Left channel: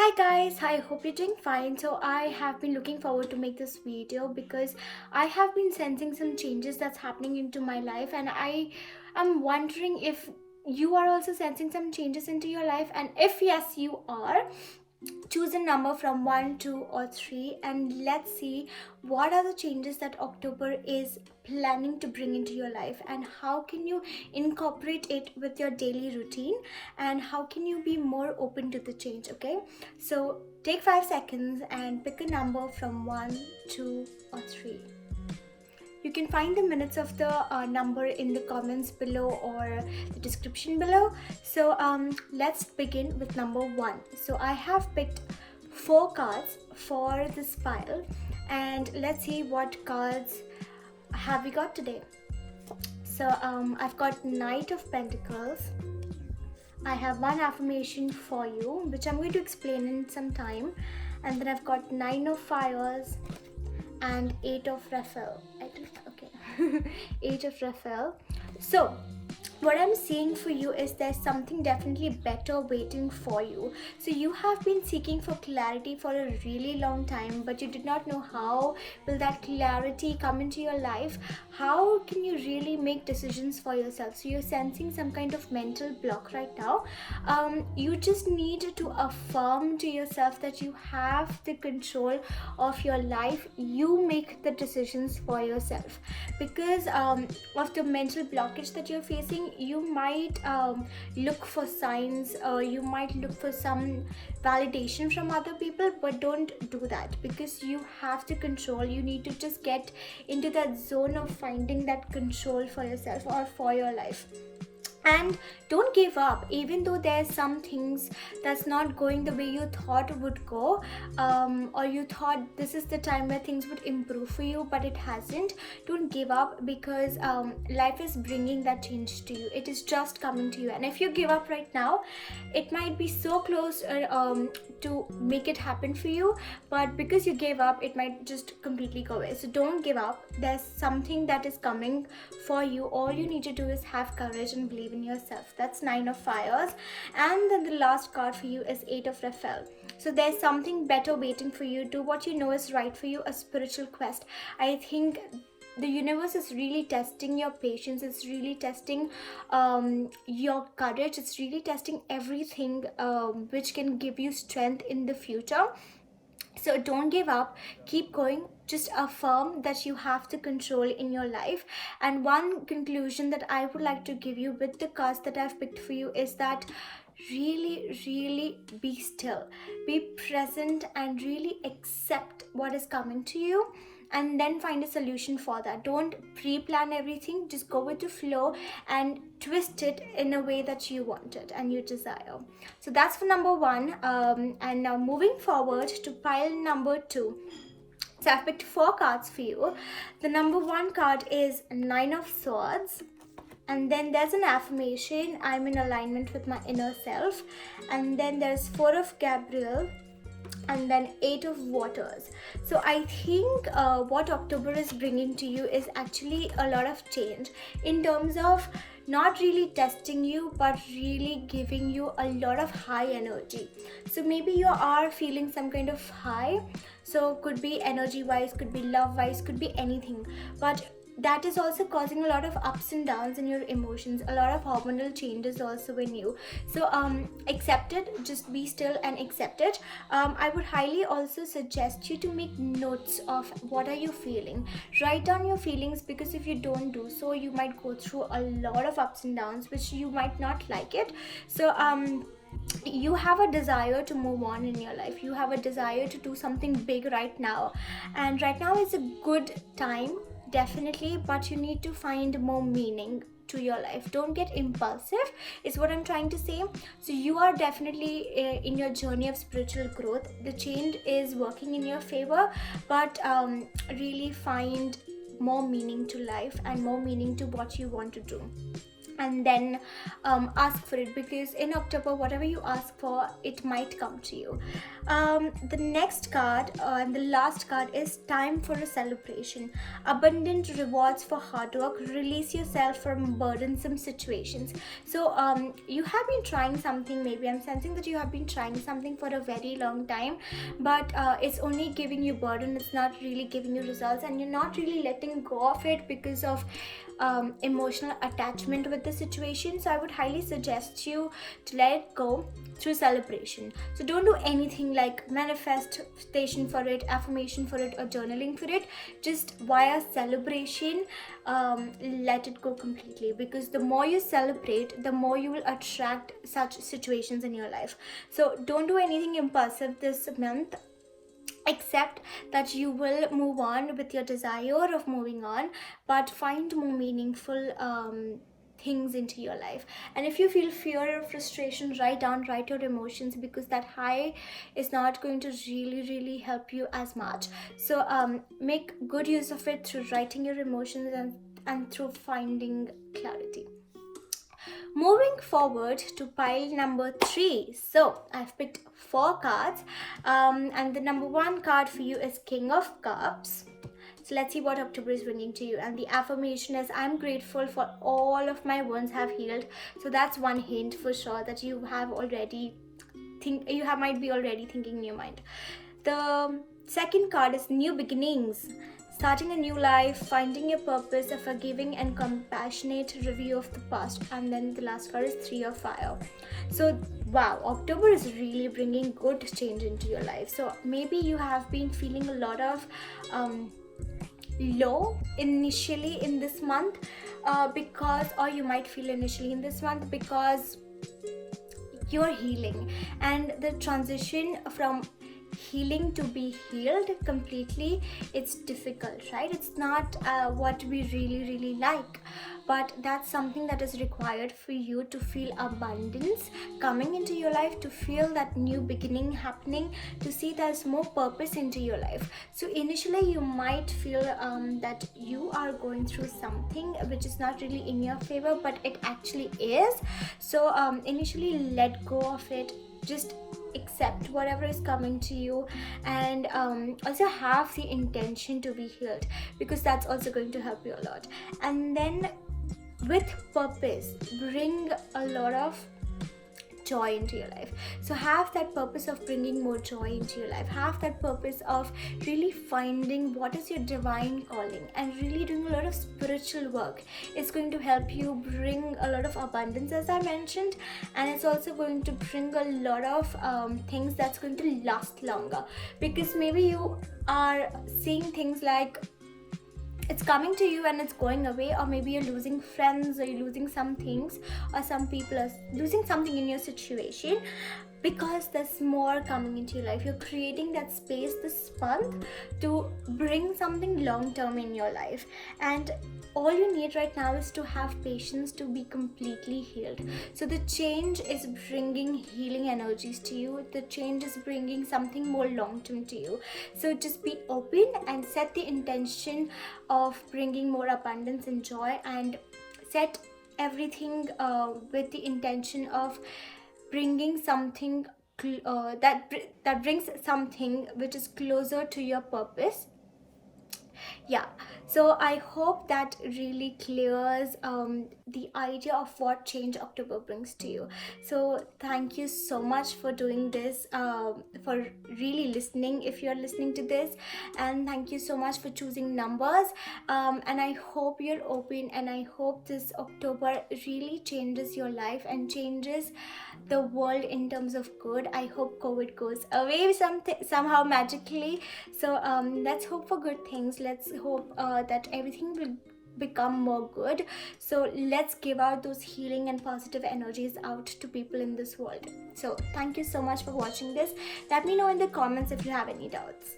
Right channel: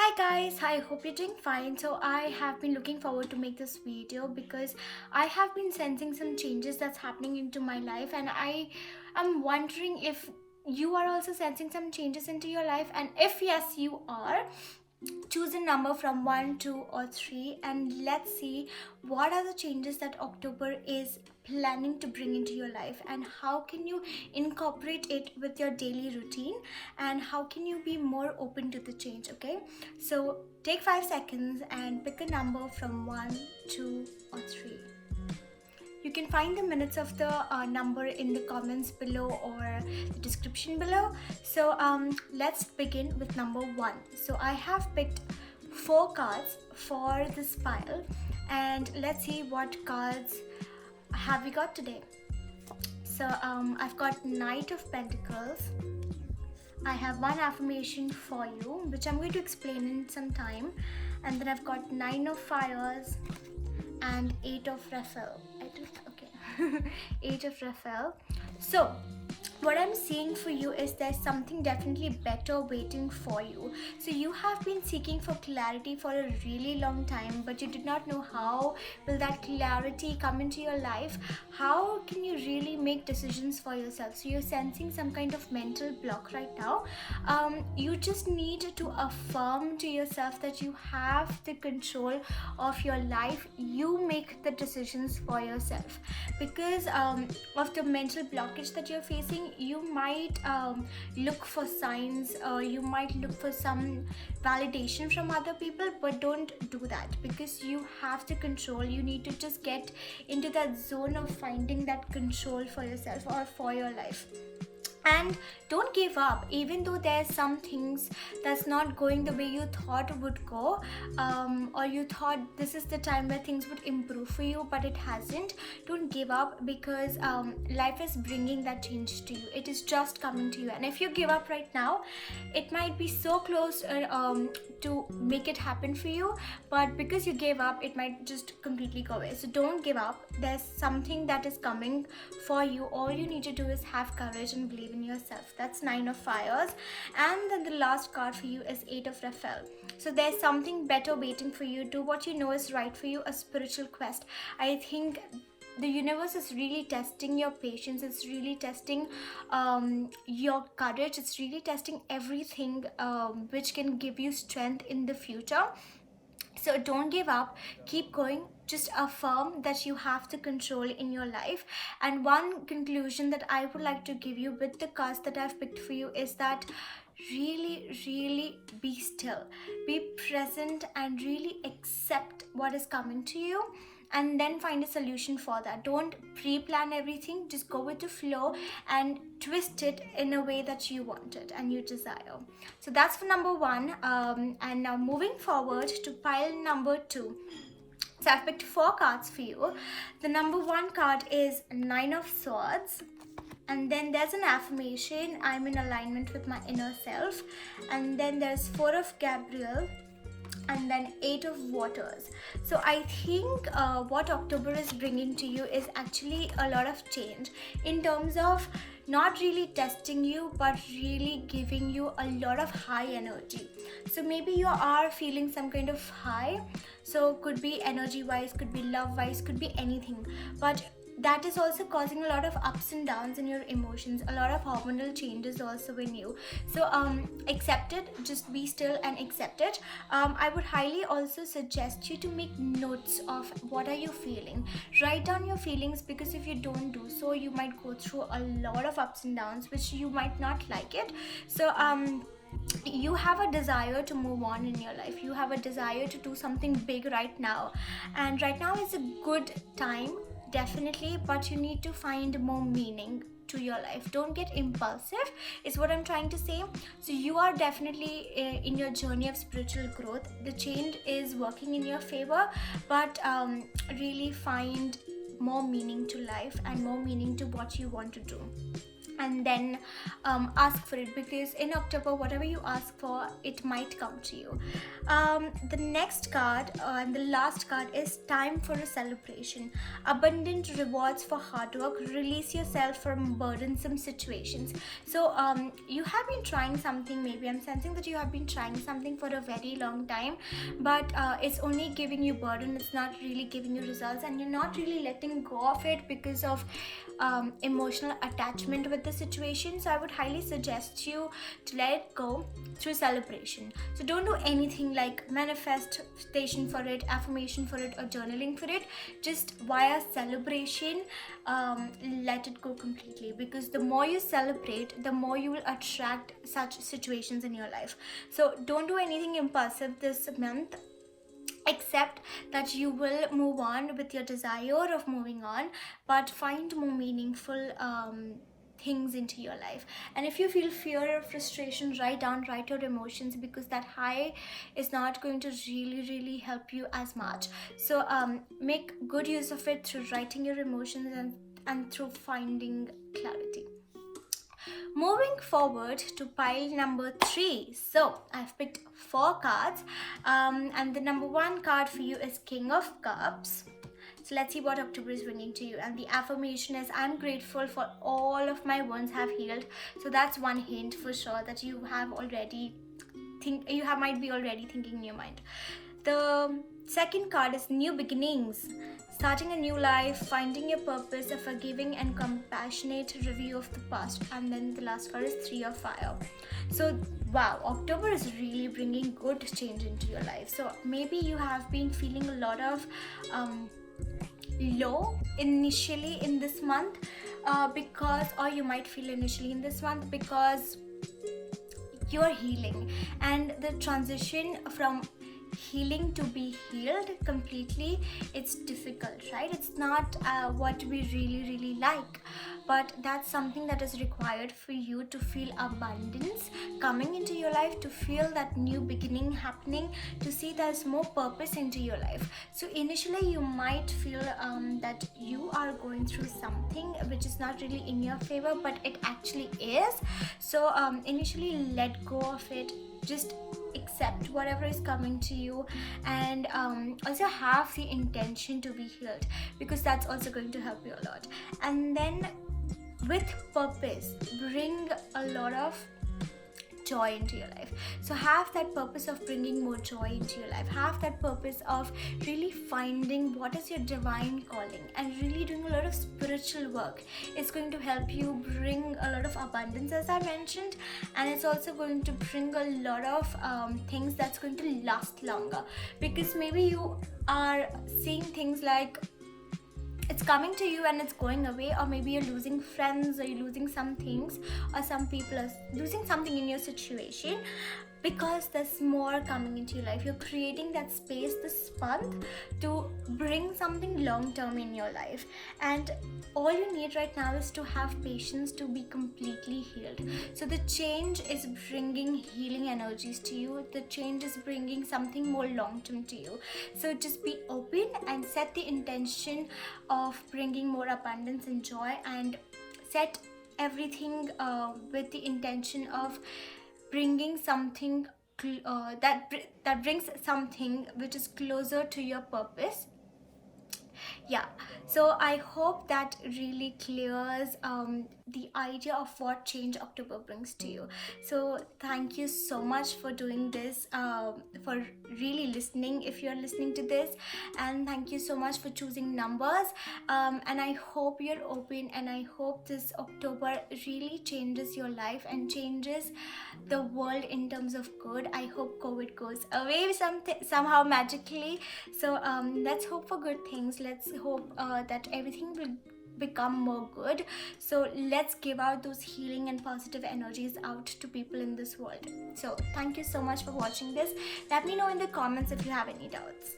Hi guys, I hope you're doing fine. So I have been looking forward to make this video because I have been sensing some changes that's happening into my life, and I am wondering if you are also sensing some changes into your life, and if yes you are, choose a number from 1, 2 or 3, and let's see what are the changes that October is planning to bring into your life, and how can you incorporate it with your daily routine, and how can you be more open to the change. Okay, so take 5 seconds and pick a number from 1, 2 or 3. You can find the minutes of the number in the comments below or the description below. So let's begin with number 1. So I have picked 4 cards for this pile, and let's see what cards have we got today. So I've got Knight of Pentacles. I have one affirmation for you, which I'm going to explain in some time. And then I've got 9 of Fires and 8 of Raphael. I think, okay. 8 of Raphael. So what I'm seeing for you is there's something definitely better waiting for you. So you have been seeking for clarity for a really long time, but you did not know how will that clarity come into your life. How can you really make decisions for yourself? So you're sensing some kind of mental block right now. You just need to affirm to yourself that you have the control of your life. You make the decisions for yourself, because of the mental blockage that you're facing. You might look for signs, or you might look for some validation from other people, but don't do that, because you have the control. You need to just get into that zone of finding that control for yourself or for your life. And don't give up, even though there's some things that's not going the way you thought would go, or you thought this is the time where things would improve for you, but it hasn't. Don't give up, because life is bringing that change to you. It is just coming to you, and if you give up right now, it might be so close to make it happen for you, but because you gave up, it might just completely go away. So don't give up. There's something that is coming for you. All you need to do is have courage and believe in yourself. That's 9 of Fires. And then the last card for you is 8 of Raphael. So there's something better waiting for you. Do what you know is right for you, a spiritual quest. I think the universe is really testing your patience. It's really testing your courage. It's really testing everything which can give you strength in the future. So don't give up, keep going. Just affirm that you have the control in your life. And one conclusion that I would like to give you with the cards that I've picked for you is that really be still, be present, and really accept what is coming to you, and then find a solution for that. Don't pre-plan everything, just go with the flow and twist it in a way that you want it and you desire. So that's for number 1. And now moving forward to pile number 2. So I've picked 4 cards for you. The number 1 card is 9 of Swords, and then there's an affirmation: I'm in alignment with my inner self. And then there's 4 of Gabriel, and then 8 of Waters. So I think what October is bringing to you is actually a lot of change in terms of not really testing you, but really giving you a lot of high energy. So maybe you are feeling some kind of high. So could be energy wise, could be love wise, could be anything, but that is also causing a lot of ups and downs in your emotions, a lot of hormonal changes also in you. So accept it, just be still and accept it. I would highly also suggest you to make notes of what are you feeling. Write down your feelings, because if you don't do so, you might go through a lot of ups and downs which you might not like it. So you have a desire to move on in your life. You have a desire to do something big right now, and right now is a good time, definitely, but you need to find more meaning to your life. Don't get impulsive is what I'm trying to say. So you are definitely in your journey of spiritual growth. The change is working in your favor, but really find more meaning to life and more meaning to what you want to do. and then ask for it, because in October whatever you ask for, it might come to you. The next card and the last card is time for a celebration. Abundant rewards for hard work. Release yourself from burdensome situations. So you have been trying something, maybe I'm sensing that you have been trying something for a very long time, but it's only giving you burden, it's not really giving you results, and you're not really letting go of it because of emotional attachment with the situation. So I would highly suggest you to let it go through celebration. So don't do anything like manifestation for it, affirmation for it, or journaling for it. Just via celebration, let it go completely, because the more you celebrate, the more you will attract such situations in your life. So don't do anything impulsive this month, except that you will move on with your desire of moving on, but find more meaningful things into your life. And if you feel fear or frustration, write your emotions, because that high is not going to really help you as much. So make good use of it through writing your emotions and through finding clarity. Moving forward to pile number 3. So I've picked 4 cards, and the number 1 card for you is King of Cups. So let's see what October is bringing to you. And the affirmation is, I'm grateful for all of my wounds have healed. So that's one hint for sure that you have already might be already thinking in your mind. The second card is new beginnings. Starting a new life, finding your purpose, a forgiving and compassionate review of the past. And then the last card is 3 of Fire. So wow, October is really bringing good change into your life. So maybe you have been feeling a lot of low initially in this month, or you might feel initially in this month because you're healing, and the transition from healing to be healed completely, it's difficult, right? It's not what we really like, but that's something that is required for you to feel abundance coming into your life, to feel that new beginning happening, to see there's more purpose into your life. So initially you might feel that you are going through something which is not really in your favor, but it actually is. So initially let go of it, just accept whatever is coming to you, and also have the intention to be healed, because that's also going to help you a lot. And then with purpose, bring a lot of joy into your life. So have that purpose of bringing more joy into your life. Have that purpose of really finding what is your divine calling and really doing a lot of spiritual work. It's going to help you bring a lot of abundance, as I mentioned, and it's also going to bring a lot of things that's going to last longer, because maybe you are seeing things like it's coming to you and it's going away, or maybe you're losing friends, or you're losing some things, or some people are losing something in your situation, because there's more coming into your life. You're creating that space this month to bring something long term in your life, and all you need right now is to have patience to be completely healed. So the change is bringing healing energies to you. The change is bringing something more long term to you. So just be open and set the intention of bringing more abundance and joy, and set everything with the intention of bringing something that brings something which is closer to your purpose. Yeah, so I hope that really clears the idea of what change October brings to you. So thank you so much for doing this, for really listening if you're listening to this, and thank you so much for choosing numbers, and I hope you're open, and I hope this October really changes your life and changes the world in terms of good. I hope COVID goes away somehow magically. So let's hope for good things. Let's hope that everything will become more good. So let's give out those healing and positive energies out to people in this world. So thank you so much for watching this. Let me know in the comments if you have any doubts.